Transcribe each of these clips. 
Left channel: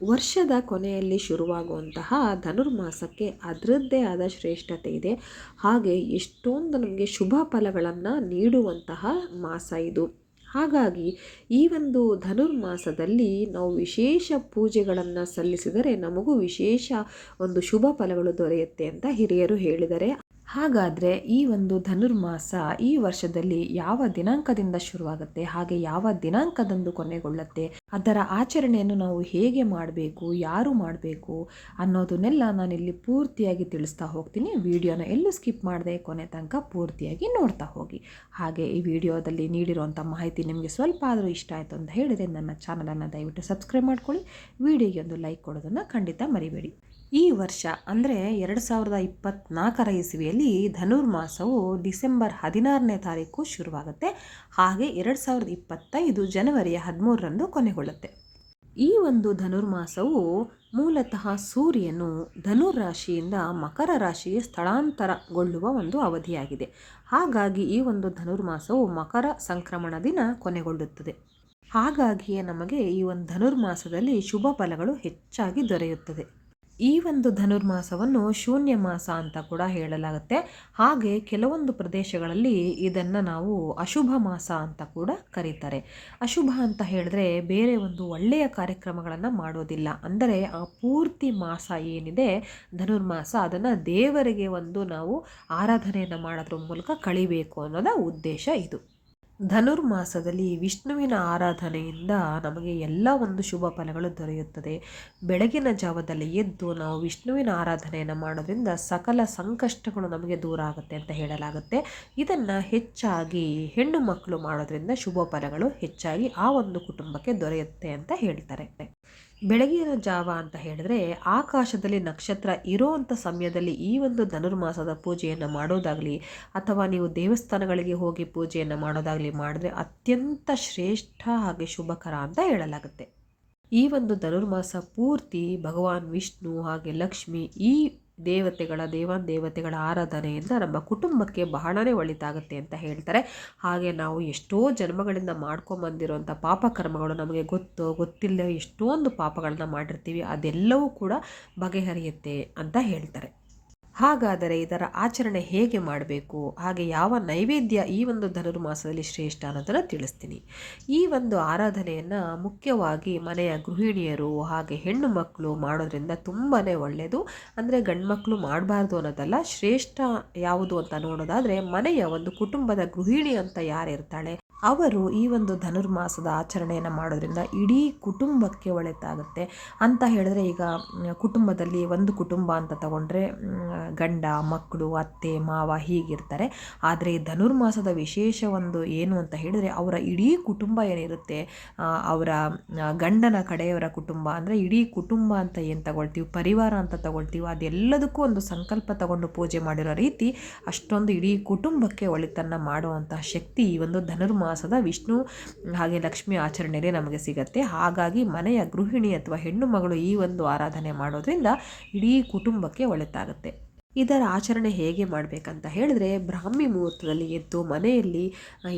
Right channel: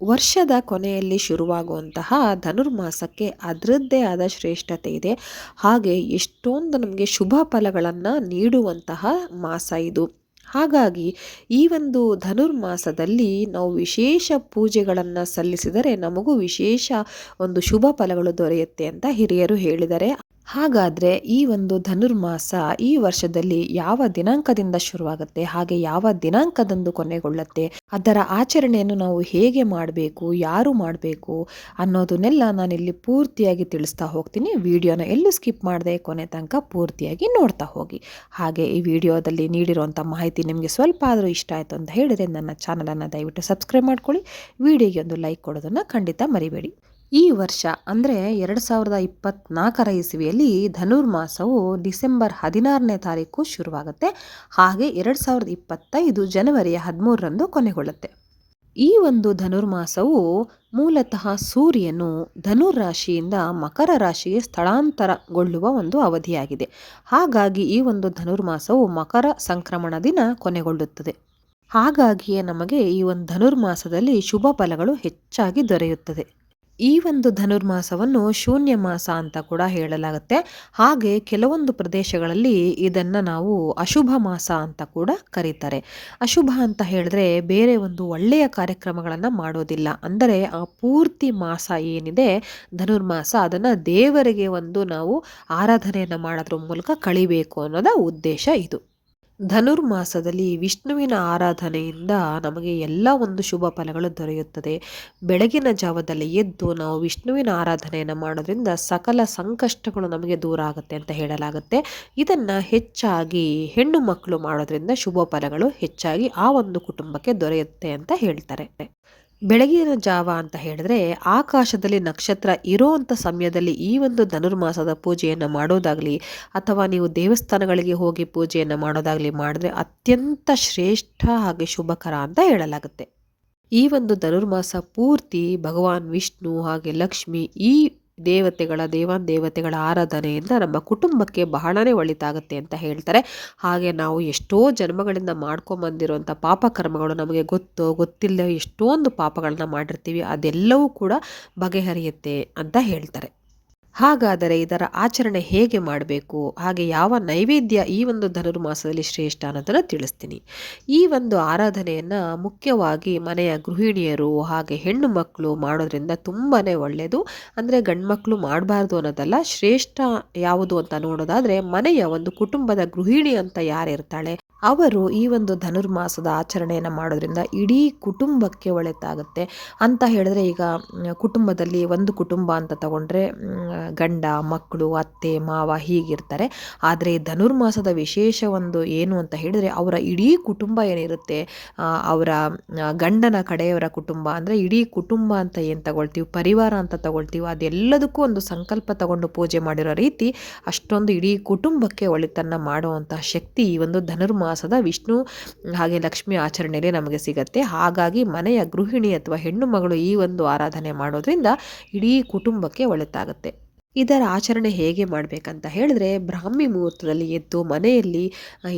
ವರ್ಷದ ಕೊನೆಯಲ್ಲಿ ಶುರುವಾಗುವಂತಹ ಧನುರ್ಮಾಸಕ್ಕೆ ಅದರದ್ದೇ ಆದ ಶ್ರೇಷ್ಠತೆ ಇದೆ. ಹಾಗೆ ಎಷ್ಟೊಂದು ನಮಗೆ ಶುಭ ಫಲಗಳನ್ನು ನೀಡುವಂತಹ ಮಾಸ ಇದು. ಹಾಗಾಗಿ ಈ ಒಂದು ಧನುರ್ಮಾಸದಲ್ಲಿ ನಾವು ವಿಶೇಷ ಪೂಜೆಗಳನ್ನು ಸಲ್ಲಿಸಿದರೆ ನಮಗೂ ವಿಶೇಷ ಒಂದು ಶುಭ ಫಲಗಳು ದೊರೆಯುತ್ತೆ ಅಂತ ಹಿರಿಯರು ಹೇಳಿದ್ದಾರೆ. ಹಾಗಾದರೆ ಈ ಒಂದು ಧನುರ್ಮಾಸ ಈ ವರ್ಷದಲ್ಲಿ ಯಾವ ದಿನಾಂಕದಿಂದ ಶುರುವಾಗುತ್ತೆ, ಹಾಗೆ ಯಾವ ದಿನಾಂಕದಂದು ಕೊನೆಗೊಳ್ಳುತ್ತೆ, ಅದರ ಆಚರಣೆಯನ್ನು ನಾವು ಹೇಗೆ ಮಾಡಬೇಕು, ಯಾರು ಮಾಡಬೇಕು ಅನ್ನೋದನ್ನೆಲ್ಲ ನಾನಿಲ್ಲಿ ಪೂರ್ತಿಯಾಗಿ ತಿಳಿಸ್ತಾ ಹೋಗ್ತೀನಿ. ವಿಡಿಯೋನ ಎಲ್ಲೂ ಸ್ಕಿಪ್ ಮಾಡದೆ ಕೊನೆ ತನಕ ಪೂರ್ತಿಯಾಗಿ ನೋಡ್ತಾ ಹೋಗಿ. ಹಾಗೆ ಈ ವಿಡಿಯೋದಲ್ಲಿ ನೀಡಿರುವಂಥ ಮಾಹಿತಿ ನಿಮಗೆ ಸ್ವಲ್ಪ ಆದರೂ ಇಷ್ಟ ಆಯಿತು ಅಂತ ಹೇಳಿದರೆ ನನ್ನ ಚಾನಲನ್ನು ದಯವಿಟ್ಟು ಸಬ್ಸ್ಕ್ರೈಬ್ ಮಾಡ್ಕೊಳ್ಳಿ. ವಿಡಿಯೋಗೆ ಒಂದು ಲೈಕ್ ಕೊಡೋದನ್ನು ಖಂಡಿತ ಮರಿಬೇಡಿ. ಈ ವರ್ಷ ಅಂದರೆ 2024 ಇಸವಿಯಲ್ಲಿ ಧನುರ್ಮಾಸವು ಡಿಸೆಂಬರ್ 16ನೇ ತಾರೀಕು ಶುರುವಾಗುತ್ತೆ. ಹಾಗೆ 2025 ಜನವರಿ 13ರಂದು ಕೊನೆಗೊಳ್ಳುತ್ತೆ. ಈ ಒಂದು ಧನುರ್ಮಾಸವು ಮೂಲತಃ ಸೂರ್ಯನು ಧನುರಾಶಿಯಿಂದ ಮಕರ ರಾಶಿಗೆ ಸ್ಥಳಾಂತರಗೊಳ್ಳುವ ಒಂದು ಅವಧಿಯಾಗಿದೆ. ಹಾಗಾಗಿ ಈ ಒಂದು ಧನುರ್ಮಾಸವು ಮಕರ ಸಂಕ್ರಮಣ ದಿನ ಕೊನೆಗೊಳ್ಳುತ್ತದೆ. ಹಾಗಾಗಿಯೇ ನಮಗೆ ಈ ಒಂದು ಧನುರ್ಮಾಸದಲ್ಲಿ ಶುಭ ಫಲಗಳು ಹೆಚ್ಚಾಗಿ ದೊರೆಯುತ್ತದೆ. ಈ ಒಂದು ಧನುರ್ಮಾಸವನ್ನು ಶೂನ್ಯ ಮಾಸ ಅಂತ ಕೂಡ ಹೇಳಲಾಗುತ್ತೆ. ಹಾಗೆ ಕೆಲವೊಂದು ಪ್ರದೇಶಗಳಲ್ಲಿ ಇದನ್ನು ನಾವು ಅಶುಭ ಮಾಸ ಅಂತ ಕೂಡ ಕರೀತಾರೆ. ಅಶುಭ ಅಂತ ಹೇಳಿದ್ರೆ ಬೇರೆ ಒಂದು ಒಳ್ಳೆಯ ಕಾರ್ಯಕ್ರಮಗಳನ್ನು ಮಾಡೋದಿಲ್ಲ. ಅಂದರೆ ಆ ಪೂರ್ತಿ ಮಾಸ ಏನಿದೆ ಧನುರ್ಮಾಸ, ಅದನ್ನು ದೇವರಿಗೆ ಒಂದು ನಾವು ಆರಾಧನೆಯನ್ನು ಮಾಡೋದ್ರ ಮೂಲಕ ಕಳಿಬೇಕು ಅನ್ನೋದ ಉದ್ದೇಶ ಇದು. ಧನುರ್ಮಾಸದಲ್ಲಿ ವಿಷ್ಣುವಿನ ಆರಾಧನೆಯಿಂದ ನಮಗೆ ಎಲ್ಲ ಒಂದು ಶುಭ ಫಲಗಳು ದೊರೆಯುತ್ತದೆ. ಬೆಳಗಿನ ಜಾವದಲ್ಲಿ ಎದ್ದು ನಾವು ವಿಷ್ಣುವಿನ ಆರಾಧನೆಯನ್ನು ಮಾಡೋದ್ರಿಂದ ಸಕಲ ಸಂಕಷ್ಟಗಳು ನಮಗೆ ದೂರ ಆಗುತ್ತೆ ಅಂತ ಹೇಳಲಾಗುತ್ತೆ. ಇದನ್ನು ಹೆಚ್ಚಾಗಿ ಹೆಣ್ಣು ಮಕ್ಕಳು ಮಾಡೋದ್ರಿಂದ ಶುಭ ಫಲಗಳು ಹೆಚ್ಚಾಗಿ ಆ ಒಂದು ಕುಟುಂಬಕ್ಕೆ ದೊರೆಯುತ್ತೆ ಅಂತ ಹೇಳ್ತಾರೆ. ಬೆಳಗಿನ ಜಾವ ಅಂತ ಹೇಳಿದ್ರೆ ಆಕಾಶದಲ್ಲಿ ನಕ್ಷತ್ರ ಇರೋವಂಥ ಸಮಯದಲ್ಲಿ ಈ ಒಂದು ಧನುರ್ಮಾಸದ ಪೂಜೆಯನ್ನು ಮಾಡೋದಾಗಲಿ ಅಥವಾ ನೀವು ದೇವಸ್ಥಾನಗಳಿಗೆ ಹೋಗಿ ಪೂಜೆಯನ್ನು ಮಾಡೋದಾಗಲಿ ಮಾಡಿದ್ರೆ ಅತ್ಯಂತ ಶ್ರೇಷ್ಠ ಹಾಗೆ ಶುಭಕರ ಅಂತ ಹೇಳಲಾಗುತ್ತೆ. ಈ ಒಂದು ಧನುರ್ಮಾಸ ಪೂರ್ತಿ ಭಗವಾನ್ ವಿಷ್ಣು ಹಾಗೆ ಲಕ್ಷ್ಮಿ ಈ ದೇವತೆಗಳ ಆರಾಧನೆಯಿಂದ ನಮ್ಮ ಕುಟುಂಬಕ್ಕೆ ಬಹಳನೇ ಒಳಿತಾಗುತ್ತೆ ಅಂತ ಹೇಳ್ತಾರೆ. ಹಾಗೆ ನಾವು ಎಷ್ಟೋ ಜನ್ಮಗಳಿಂದ ಮಾಡ್ಕೊಂಬಂದಿರುವಂಥ ಪಾಪಕರ್ಮಗಳು ನಮಗೆ ಗೊತ್ತಿಲ್ಲದೆ ಎಷ್ಟೊಂದು ಪಾಪಗಳನ್ನ ಮಾಡಿರ್ತೀವಿ, ಅದೆಲ್ಲವೂ ಕೂಡ ಬಗೆಹರಿಯುತ್ತೆ ಅಂತ ಹೇಳ್ತಾರೆ. ಹಾಗಾದರೆ ಇದರ ಆಚರಣೆ ಹೇಗೆ ಮಾಡಬೇಕು, ಹಾಗೆ ಯಾವ ನೈವೇದ್ಯ ಈ ಒಂದು ಧನುರ್ಮಾಸದಲ್ಲಿ ಶ್ರೇಷ್ಠ ಅನ್ನೋದನ್ನು ತಿಳಿಸ್ತೀನಿ. ಈ ಒಂದು ಆರಾಧನೆಯನ್ನು ಮುಖ್ಯವಾಗಿ ಮನೆಯ ಗೃಹಿಣಿಯರು ಹಾಗೆ ಹೆಣ್ಣು ಮಕ್ಕಳು ಮಾಡೋದ್ರಿಂದ ತುಂಬಾ ಒಳ್ಳೆಯದು. ಅಂದರೆ ಗಂಡು ಮಕ್ಕಳು ಮಾಡಬಾರ್ದು ಅನ್ನೋದಲ್ಲ, ಶ್ರೇಷ್ಠ ಯಾವುದು ಅಂತ ನೋಡೋದಾದರೆ ಮನೆಯ ಒಂದು ಕುಟುಂಬದ ಗೃಹಿಣಿ ಅಂತ ಯಾರಿರ್ತಾಳೆ ಅವರು ಈ ಒಂದು ಧನುರ್ಮಾಸದ ಆಚರಣೆಯನ್ನು ಮಾಡೋದ್ರಿಂದ ಇಡೀ ಕುಟುಂಬಕ್ಕೆ ಒಳಿತಾಗುತ್ತೆ ಅಂತ ಹೇಳಿದ್ರೆ, ಈಗ ಕುಟುಂಬದಲ್ಲಿ ಒಂದು ಕುಟುಂಬ ಅಂತ ತಗೊಂಡ್ರೆ ಗಂಡ ಮಕ್ಕಳು ಅತ್ತೆ ಮಾವ ಹೀಗಿರ್ತಾರೆ. ಆದರೆ ಧನುರ್ಮಾಸದ ವಿಶೇಷ ಒಂದು ಏನು ಅಂತ ಹೇಳಿದರೆ ಅವರ ಇಡೀ ಕುಟುಂಬ ಏನಿರುತ್ತೆ, ಅವರ ಗಂಡನ ಕಡೆಯವರ ಕುಟುಂಬ ಅಂದರೆ ಇಡೀ ಕುಟುಂಬ ಅಂತ ಏನು ತಗೊಳ್ತೀವಿ, ಪರಿವಾರ ಅಂತ ತಗೊಳ್ತೀವಿ, ಅದೆಲ್ಲದಕ್ಕೂ ಒಂದು ಸಂಕಲ್ಪ ತಗೊಂಡು ಪೂಜೆ ಮಾಡಿರೋ ರೀತಿ ಅಷ್ಟೊಂದು ಇಡೀ ಕುಟುಂಬಕ್ಕೆ ಒಳಿತನ್ನು ಮಾಡುವಂತಹ ಶಕ್ತಿ ಈ ಒಂದು ಧನುರ್ಮಾಸದ ವಿಷ್ಣು ಹಾಗೆ ಲಕ್ಷ್ಮಿ ಆಚರಣೆಯಲ್ಲಿ ನಮಗೆ ಸಿಗತ್ತೆ. ಹಾಗಾಗಿ ಮನೆಯ ಗೃಹಿಣಿ ಅಥವಾ ಹೆಣ್ಣು ಮಗಳು ಈ ಒಂದು ಆರಾಧನೆ ಮಾಡೋದ್ರಿಂದ ಇಡೀ ಕುಟುಂಬಕ್ಕೆ ಒಳಿತಾಗುತ್ತೆ. ಇದರ ಆಚರಣೆ ಹೇಗೆ ಮಾಡಬೇಕಂತ ಹೇಳಿದ್ರೆ ಬ್ರಾಹ್ಮಿ ಮುಹೂರ್ತದಲ್ಲಿ ಎದ್ದು ಮನೆಯಲ್ಲಿ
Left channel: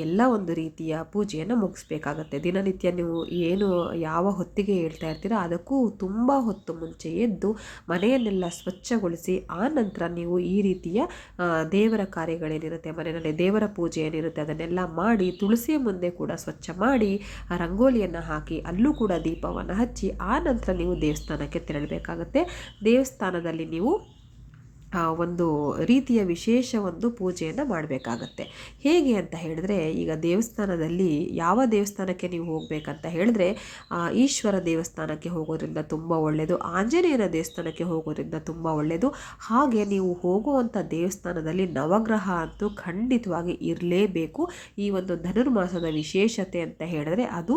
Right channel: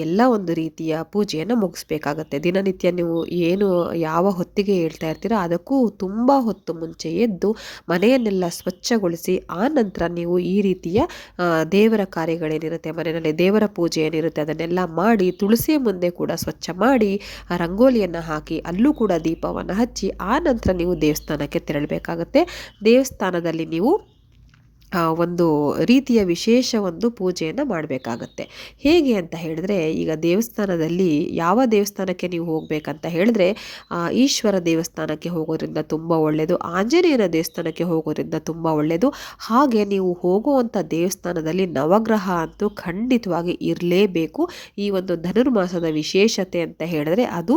ಎಲ್ಲ ಒಂದು ರೀತಿಯ ಪೂಜೆಯನ್ನು ಮುಗಿಸ್ಬೇಕಾಗತ್ತೆ. ದಿನನಿತ್ಯ ನೀವು ಏನು ಯಾವ ಹೊತ್ತಿಗೆ ಹೇಳ್ತಾ ಇರ್ತೀರೋ ಅದಕ್ಕೂ ತುಂಬ ಹೊತ್ತು ಮುಂಚೆ ಎದ್ದು ಮನೆಯನ್ನೆಲ್ಲ ಸ್ವಚ್ಛಗೊಳಿಸಿ ಆ ನಂತರ ನೀವು ಈ ರೀತಿಯ ದೇವರ ಕಾರ್ಯಗಳೇನಿರುತ್ತೆ, ಮನೆಯಲ್ಲಿ ದೇವರ ಪೂಜೆ ಏನಿರುತ್ತೆ ಅದನ್ನೆಲ್ಲ ಮಾಡಿ ತುಳಸಿಯ ಮುಂದೆ ಕೂಡ ಸ್ವಚ್ಛ ಮಾಡಿ ರಂಗೋಲಿಯನ್ನು ಹಾಕಿ ಅಲ್ಲೂ ಕೂಡ ದೀಪವನ್ನು ಹಚ್ಚಿ ಆ ನಂತರ ನೀವು ದೇವಸ್ಥಾನಕ್ಕೆ ತೆರಳಬೇಕಾಗತ್ತೆ. ದೇವಸ್ಥಾನದಲ್ಲಿ ನೀವು ಒಂದು ರೀತಿಯ ವಿಶೇಷ ಒಂದು ಪೂಜೆಯನ್ನು ಮಾಡಬೇಕಾಗತ್ತೆ. ಹೇಗೆ ಅಂತ ಹೇಳಿದ್ರೆ, ಈಗ ದೇವಸ್ಥಾನದಲ್ಲಿ ಯಾವ ದೇವಸ್ಥಾನಕ್ಕೆ ನೀವು ಹೋಗಬೇಕಂತ ಹೇಳಿದ್ರೆ ಈಶ್ವರ ದೇವಸ್ಥಾನಕ್ಕೆ ಹೋಗೋದ್ರಿಂದ ತುಂಬ ಒಳ್ಳೆಯದು, ಆಂಜನೇಯನ ದೇವಸ್ಥಾನಕ್ಕೆ ಹೋಗೋದ್ರಿಂದ ತುಂಬ ಒಳ್ಳೆಯದು. ಹಾಗೆ ನೀವು ಹೋಗುವಂಥ ದೇವಸ್ಥಾನದಲ್ಲಿ ನವಗ್ರಹ ಅಂತೂ ಖಂಡಿತವಾಗಿ ಇರಲೇಬೇಕು. ಈ ಒಂದು ಧನುರ್ಮಾಸದ ವಿಶೇಷತೆ ಅಂತ ಹೇಳಿದ್ರೆ ಅದು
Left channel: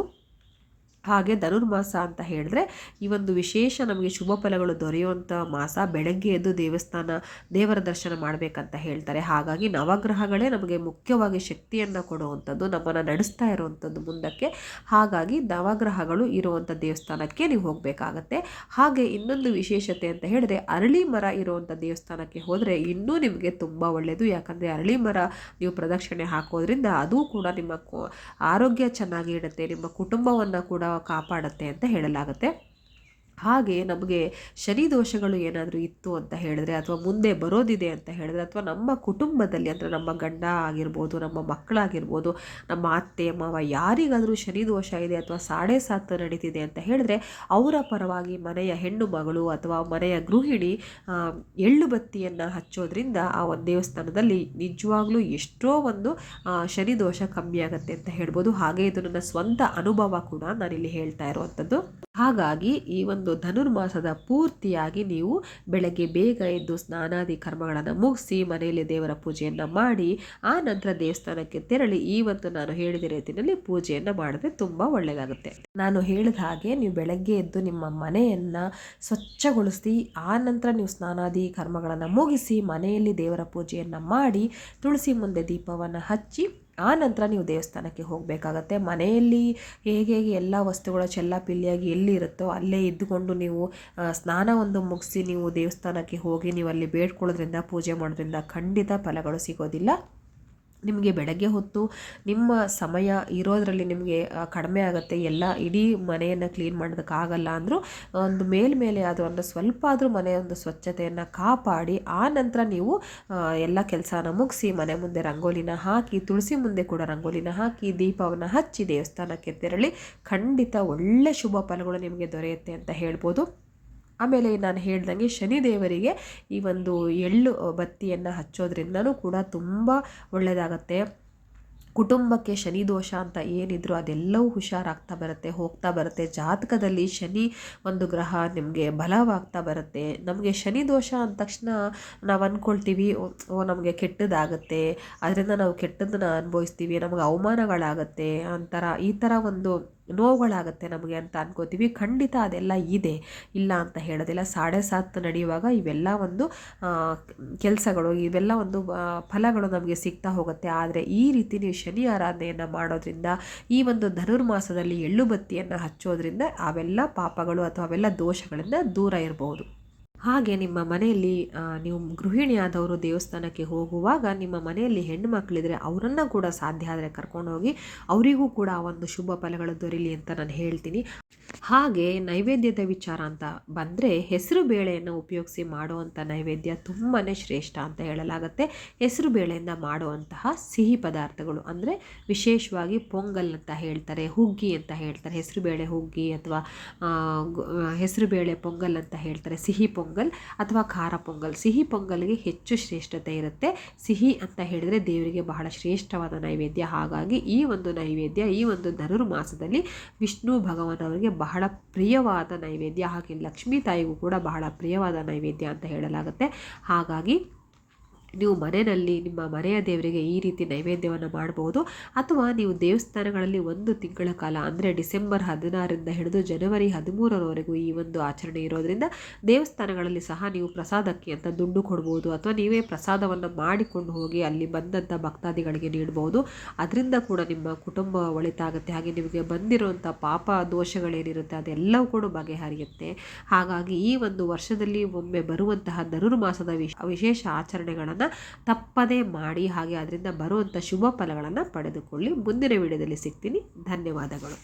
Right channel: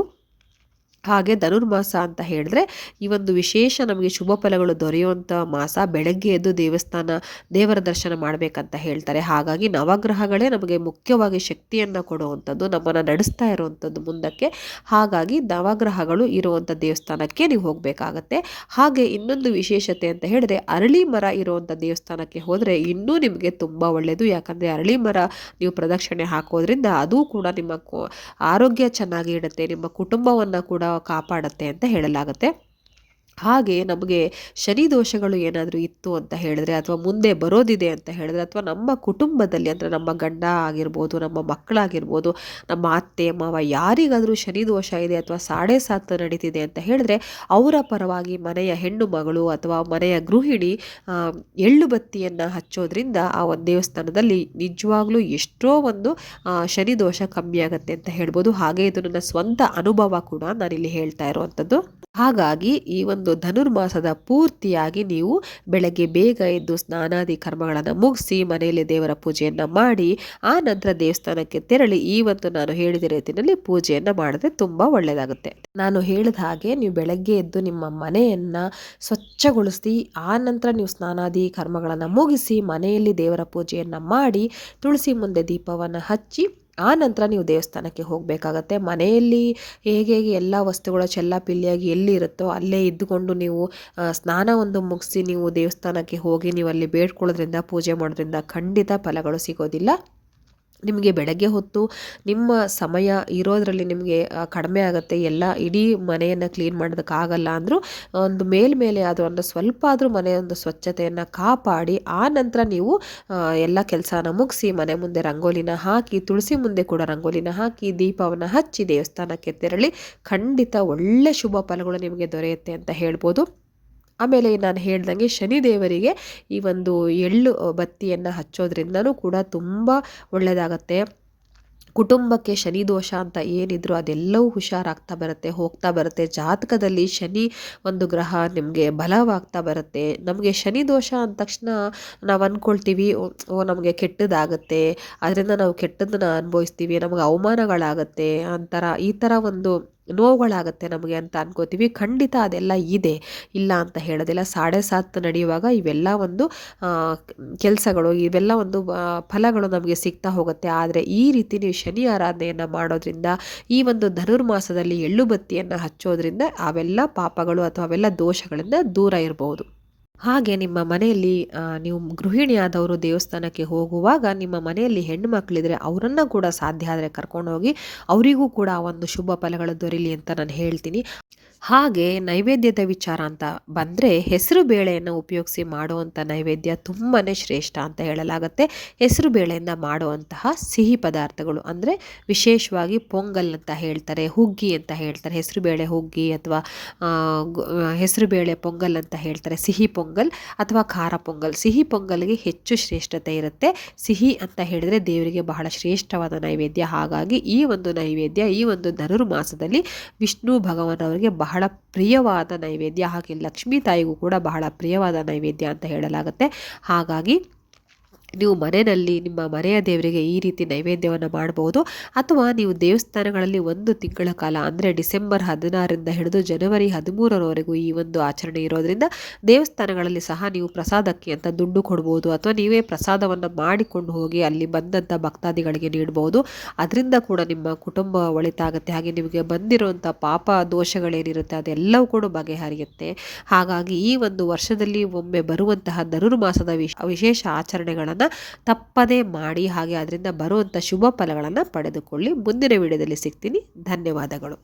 ಹಾಗೆ. ಧನುರ್ಮಾಸ ಅಂತ ಹೇಳಿದ್ರೆ ಈ ಒಂದು ವಿಶೇಷ ನಮಗೆ ಶುಭ ಫಲಗಳು ದೊರೆಯುವಂಥ ಮಾಸ. ಬೆಳಗ್ಗೆ ಎದ್ದು ದೇವರ ದರ್ಶನ ಮಾಡಬೇಕಂತ ಹೇಳ್ತಾರೆ. ಹಾಗಾಗಿ ನವಗ್ರಹಗಳೇ ನಮಗೆ ಮುಖ್ಯವಾಗಿ ಶಕ್ತಿಯನ್ನು ಕೊಡುವಂಥದ್ದು, ನಮ್ಮನ್ನು ನಡೆಸ್ತಾ ಇರುವಂಥದ್ದು ಮುಂದಕ್ಕೆ. ಹಾಗಾಗಿ ನವಗ್ರಹಗಳು ಇರುವಂಥ ದೇವಸ್ಥಾನಕ್ಕೆ ನೀವು ಹೋಗಬೇಕಾಗತ್ತೆ. ಹಾಗೆ ಇನ್ನೊಂದು ವಿಶೇಷತೆ ಅಂತ ಹೇಳಿದ್ರೆ ಅರಳಿ ಮರ ಇರುವಂಥ ದೇವಸ್ಥಾನಕ್ಕೆ ಹೋದರೆ ಇನ್ನೂ ನಿಮಗೆ ತುಂಬ ಒಳ್ಳೆಯದು. ಯಾಕಂದರೆ ಅರಳಿ ಮರ ನೀವು ಪ್ರದಕ್ಷಿಣೆ ಹಾಕೋದ್ರಿಂದ ಅದು ಕೂಡ ನಿಮ್ಮ ಆರೋಗ್ಯ ಚೆನ್ನಾಗಿ ಇಡುತ್ತೆ, ನಿಮ್ಮ ಕುಟುಂಬವನ್ನು ಕೂಡ ಕಾಪಾಡುತ್ತೆ ಅಂತ ಹೇಳಲಾಗುತ್ತೆ. ಹಾಗೆ ನಮಗೆ ಶನಿ ದೋಷಗಳು ಏನಾದರೂ ಇತ್ತು ಅಂತ ಹೇಳಿದ್ರೆ ಅಥವಾ ಮುಂದೆ ಬರೋದಿದೆ ಅಂತ ಹೇಳಿದ್ರೆ ಅಥವಾ ನಮ್ಮ ಕುಟುಂಬದಲ್ಲಿ ಅಂದರೆ ನಮ್ಮ ಗಂಡ ಆಗಿರ್ಬೋದು, ನಮ್ಮ ಮಕ್ಕಳಾಗಿರ್ಬೋದು, ನಮ್ಮ ಅತ್ತೆ ಮಾವ ಯಾರಿಗಾದರೂ ಶನಿ ದೋಷ ಇದೆ ಅಥವಾ ಸಾಡೆ ಸಾತ್ ನಡೀತಿದೆ ಅಂತ ಹೇಳಿದ್ರೆ ಅವರ ಪರವಾಗಿ ಮನೆಯ ಹೆಣ್ಣು ಮಗಳು ಅಥವಾ ಮನೆಯ ಗೃಹಿಣಿ ಆ, ಎಳ್ಳು ಬತ್ತಿಯನ್ನು ಹಚ್ಚೋದ್ರಿಂದ ಆ ಒಂದು ದೇವಸ್ಥಾನದಲ್ಲಿ ನಿಜವಾಗ್ಲೂ ಎಷ್ಟೋ ಒಂದು ಶನಿ ದೋಷ ಕಮ್ಮಿ ಆಗುತ್ತೆ ಅಂತ ಹೇಳ್ಬೋದು. ಹಾಗೆ ಇದು ನನ್ನ ಸ್ವಂತ ಅನುಭವ ಕೂಡ ನಾನಿಲ್ಲಿ ಹೇಳ್ತಾ ಇರುವಂಥದ್ದು. ಹಾಗಾಗಿ ಈ ಒಂದು ಧನುರ್ಮಾಸದ ಪೂರ್ತಿಯಾಗಿ ನೀವು ಬೆಳಗ್ಗೆ ಬೇಗ ಎದ್ದು ಸ್ನಾನಾದಿ ಕರ್ಮಗಳನ್ನು ಮುಗಿಸಿ ಮನೆಯಲ್ಲಿ ದೇವರ ಪೂಜೆಯನ್ನು ಮಾಡಿ ಆ ನಂತರ ದೇವಸ್ಥಾನಕ್ಕೆ ತೆರಳಿ ಈ ಒಂದು ನಾನು ಹೇಳಿದ ರೀತಿಯಲ್ಲಿ ಪೂಜೆಯನ್ನು ಮಾಡಿದ್ರೆ ತುಂಬ ಒಳ್ಳೆಯದಾಗುತ್ತೆ. ನಾನು ಹೇಳಿದ ಹಾಗೆ ನೀವು ಬೆಳಗ್ಗೆ ಎದ್ದು ನಿಮ್ಮ ಮನೆಯನ್ನು ಸ್ವಚ್ಛಗೊಳಿಸಿ ಆ ನಂತರ ನೀವು ಸ್ನಾನಾದಿ ಕರ್ಮಗಳನ್ನು ಮುಗಿಸಿ ಮನೆಯಲ್ಲಿ ದೇವರ ಪೂಜೆಯನ್ನು ಮಾಡಿ ತುಳಸಿ ಮುಂದೆ ದೀಪವನ್ನು ಹಚ್ಚಿ ಆ ನಂತರ ನೀವು ದೇವಸ್ಥಾನಕ್ಕೆ ಹೋಗಬೇಕಾಗತ್ತೆ. ಮನೆಯಲ್ಲಿ ಹೇಗೆ ಎಲ್ಲ ವಸ್ತುಗಳು ಚೆಲ್ಲಾಪಿಲ್ಲಿಯಾಗಿ ಎಲ್ಲಿ ಇರುತ್ತೋ ಅಲ್ಲೇ ಇದ್ದುಕೊಂಡು ನೀವು ಸ್ನಾನ ಒಂದು ಮುಗಿಸಿ ನೀವು ದೇವಸ್ಥಾನಕ್ಕೆ ಹೋಗಿ ನೀವು ಅಲ್ಲಿ ಬೇಡ್ಕೊಳ್ಳೋದ್ರಿಂದ ಪೂಜೆ ಮಾಡೋದ್ರಿಂದ ಖಂಡಿತ ಫಲಗಳು ಸಿಗೋದಿಲ್ಲ. ನಿಮಗೆ ಬೆಳಗ್ಗೆ ಹೊತ್ತು ನಿಮ್ಮ ಸಮಯ ಇರೋದರಲ್ಲಿ ನಿಮಗೆ ಕಡಿಮೆ ಆಗುತ್ತೆ. ಎಲ್ಲ ಇಡೀ ಮನೆಯನ್ನು ಕ್ಲೀನ್ ಮಾಡೋದಕ್ಕಾಗಲ್ಲ ಅಂದರೂ ಒಂದು ಮೇಲ್ಮೇಲೆ ಅದು ಒಂದು ಸ್ವಲ್ಪ ಆದರೂ ಮನೆಯೊಂದು ಸ್ವಚ್ಛತೆಯನ್ನು ಕಾಪಾಡಿ ಆ ನಂತರ ನೀವು ಎಲ್ಲ ಕೆಲಸನ ಮುಗಿಸಿ ಮನೆ ಮುಂದೆ ರಂಗೋಲಿನ ಹಾಕಿ ತುಳಸಿ ಮುಂದೆ ಕೂಡ ರಂಗೋಲಿನ ಹಾಕಿ ದೀಪವನ್ನು ಹಚ್ಚಿ ದೇವಸ್ಥಾನಕ್ಕೆ ತೆರಳಿ ಖಂಡಿತ ಒಳ್ಳೆ ಶುಭ ಫಲಗಳು ನಿಮಗೆ ದೊರೆಯುತ್ತೆ ಅಂತ ಹೇಳ್ಬೋದು. ಆಮೇಲೆ ನಾನು ಹೇಳ್ದಂಗೆ ಶನಿದೇವರಿಗೆ ಈ ಒಂದು ಎಳ್ಳು ಬತ್ತಿಯನ್ನು ಹಚ್ಚೋದ್ರಿಂದನೂ ಕೂಡ ತುಂಬ ಒಳ್ಳೆಯದಾಗತ್ತೆ. ಕುಟುಂಬಕ್ಕೆ ಶನಿ ದೋಷ ಅಂತ ಏನಿದ್ರು ಅದೆಲ್ಲವೂ ಹುಷಾರಾಗ್ತಾ ಬರುತ್ತೆ, ಹೋಗ್ತಾ ಬರುತ್ತೆ. ಜಾತಕದಲ್ಲಿ ಶನಿ ಒಂದು ಗ್ರಹ ನಿಮಗೆ ಬಲವಾಗ್ತಾ ಬರುತ್ತೆ. ನಮಗೆ ಶನಿ ದೋಷ ಅಂದ ತಕ್ಷಣ ನಾವು ಅಂದ್ಕೊಳ್ತೀವಿ ಓ ನಮಗೆ ಕೆಟ್ಟದಾಗುತ್ತೆ, ಅದರಿಂದ ನಾವು ಕೆಟ್ಟದ್ದನ್ನು ಅನುಭವಿಸ್ತೀವಿ, ನಮಗೆ ಅವಮಾನಗಳಾಗತ್ತೆ ಅಂತರ ಈ ಥರ ಒಂದು ನೋವುಗಳಾಗತ್ತೆ ನಮಗೆ ಅಂತ ಅನ್ಕೋತೀವಿ. ಖಂಡಿತ ಅದೆಲ್ಲ ಇದೆ, ಇಲ್ಲ ಅಂತ ಹೇಳೋದಿಲ್ಲ. ಸಾಡೆ ಸಾತ್ ನಡೆಯುವಾಗ ಇವೆಲ್ಲ ಒಂದು ಕೆಲಸಗಳು ಇವೆಲ್ಲ ಒಂದು ಫಲಗಳು ನಮಗೆ ಸಿಗ್ತಾ ಹೋಗುತ್ತೆ. ಆದರೆ ಈ ರೀತಿ ನೀವು ಶನಿ ಆರಾಧನೆಯನ್ನು ಮಾಡೋದ್ರಿಂದ ಈ ಒಂದು ಧನುರ್ಮಾಸದಲ್ಲಿ ಎಳ್ಳು ಬತ್ತಿಯನ್ನು ಹಚ್ಚೋದ್ರಿಂದ ಅವೆಲ್ಲ ಪಾಪಗಳು ಅಥವಾ ಅವೆಲ್ಲ ದೋಷಗಳಿಂದ ದೂರ ಇರಬಹುದು. ಹಾಗೆ ನಿಮ್ಮ ಮನೆಯಲ್ಲಿ ನೀವು ಗೃಹಿಣಿಯಾದವರು ದೇವಸ್ಥಾನಕ್ಕೆ ಹೋಗುವಾಗ ನಿಮ್ಮ ಮನೆಯಲ್ಲಿ ಹೆಣ್ಣು ಮಕ್ಕಳಿದ್ರೆ ಅವರನ್ನು ಕೂಡ ಸಾಧ್ಯ ಆದರೆ ಕರ್ಕೊಂಡೋಗಿ ಅವರಿಗೂ ಕೂಡ ಒಂದು ಶುಭ ಫಲಗಳು ದೊರೀಲಿ ಅಂತ ನಾನು ಹೇಳ್ತೀನಿ. ಹಾಗೆ ನೈವೇದ್ಯದ ವಿಚಾರ ಅಂತ ಬಂದರೆ ಹೆಸರು ಬೇಳೆಯನ್ನು ಉಪಯೋಗಿಸಿ ಮಾಡುವಂಥ ನೈವೇದ್ಯ ತುಂಬಾ ಶ್ರೇಷ್ಠ ಅಂತ ಹೇಳಲಾಗುತ್ತೆ. ಹೆಸರು ಬೇಳೆಯಿಂದ ಮಾಡುವಂತಹ ಸಿಹಿ ಪದಾರ್ಥಗಳು ಅಂದರೆ ವಿಶೇಷವಾಗಿ ಪೊಂಗಲ್ ಅಂತ ಹೇಳ್ತಾರೆ, ಹುಗ್ಗಿ ಅಂತ ಹೇಳ್ತಾರೆ, ಹೆಸರುಬೇಳೆ ಹುಗ್ಗಿ ಅಥವಾ ಹೆಸರುಬೇಳೆ ಪೊಂಗಲ್ ಅಂತ ಹೇಳ್ತಾರೆ, ಸಿಹಿ ಪೊಂಗಲ್ ಅಥವಾ ಖಾರ ಪೊಂಗಲ್. ಸಿಹಿ ಪೊಂಗಲ್ಗೆ ಹೆಚ್ಚು ಶ್ರೇಷ್ಠತೆ ಇರುತ್ತೆ. ಸಿಹಿ ಅಂತ ಹೇಳಿದರೆ ದೇವರಿಗೆ ಬಹಳ ಶ್ರೇಷ್ಠವಾದ ನೈವೇದ್ಯ. ಹಾಗಾಗಿ ಈ ಒಂದು ನೈವೇದ್ಯ ಈ ಒಂದು ಧನುರ್ಮಾಸದಲ್ಲಿ ವಿಷ್ಣು ಭಗವಾನವರಿಗೆ ಬಹಳ ಪ್ರಿಯವಾದ ನೈವೇದ್ಯ, ಹಾಗೆ ಲಕ್ಷ್ಮೀ ತಾಯಿಗೂ ಕೂಡ ಬಹಳ ಪ್ರಿಯವಾದ ನೈವೇದ್ಯ ಅಂತ ಹೇಳಲಾಗುತ್ತೆ. ಹಾಗಾಗಿ ನೀವು ಮನೆಯಲ್ಲಿ ನಿಮ್ಮ ಮನೆಯ ದೇವರಿಗೆ ಈ ರೀತಿ ನೈವೇದ್ಯವನ್ನು ಮಾಡಬಹುದು. ಅಥವಾ ನೀವು ದೇವಸ್ಥಾನಗಳಲ್ಲಿ ಒಂದು ತಿಂಗಳ ಕಾಲ ಅಂದರೆ ಡಿಸೆಂಬರ್ 16ರಿಂದ ಹಿಡಿದು ಜನವರಿ 13ರವರೆಗೂ ಈ ಒಂದು ಆಚರಣೆ ಇರೋದ್ರಿಂದ ದೇವಸ್ಥಾನಗಳಲ್ಲಿ ಸಹ ನೀವು ಪ್ರಸಾದಕ್ಕೆ ಅಂತ ದುಡ್ಡು ಕೊಡ್ಬೋದು ಅಥವಾ ನೀವೇ ಪ್ರಸಾದವನ್ನು ಮಾಡಿಕೊಂಡು ಹೋಗಿ ಅಲ್ಲಿ ಬಂದಂಥ ಭಕ್ತಾದಿಗಳಿಗೆ ನೀಡ್ಬೋದು. ಅದರಿಂದ ಕೂಡ ನಿಮ್ಮ ಕುಟುಂಬ ಒಳಿತಾಗುತ್ತೆ. ಹಾಗೆ ನಿಮಗೆ ಬಂದಿರುವಂಥ ಪಾಪ ದೋಷಗಳೇನಿರುತ್ತೆ ಅದೆಲ್ಲವೂ ಕೂಡ ಬಗೆಹರಿಯುತ್ತೆ. ಹಾಗಾಗಿ ಈ ಒಂದು ವರ್ಷದಲ್ಲಿ ಒಮ್ಮೆ ಬರುವಂತಹ ಧನುರ್ಮಾಸದ ವಿಶೇಷ ಆಚರಣೆಗಳನ್ನು ತಪ್ಪದೇ ಮಾಡಿ ಹಾಗೆ ಅದರಿಂದ ಬರುವಂಥ ಶುಭ ಫಲಗಳನ್ನು ಪಡೆದುಕೊಳ್ಳಿ. ಮುಂದಿನ ವಿಡಿಯೋದಲ್ಲಿ ಸಿಗ್ತೀನಿ. ಧನ್ಯವಾದಗಳು.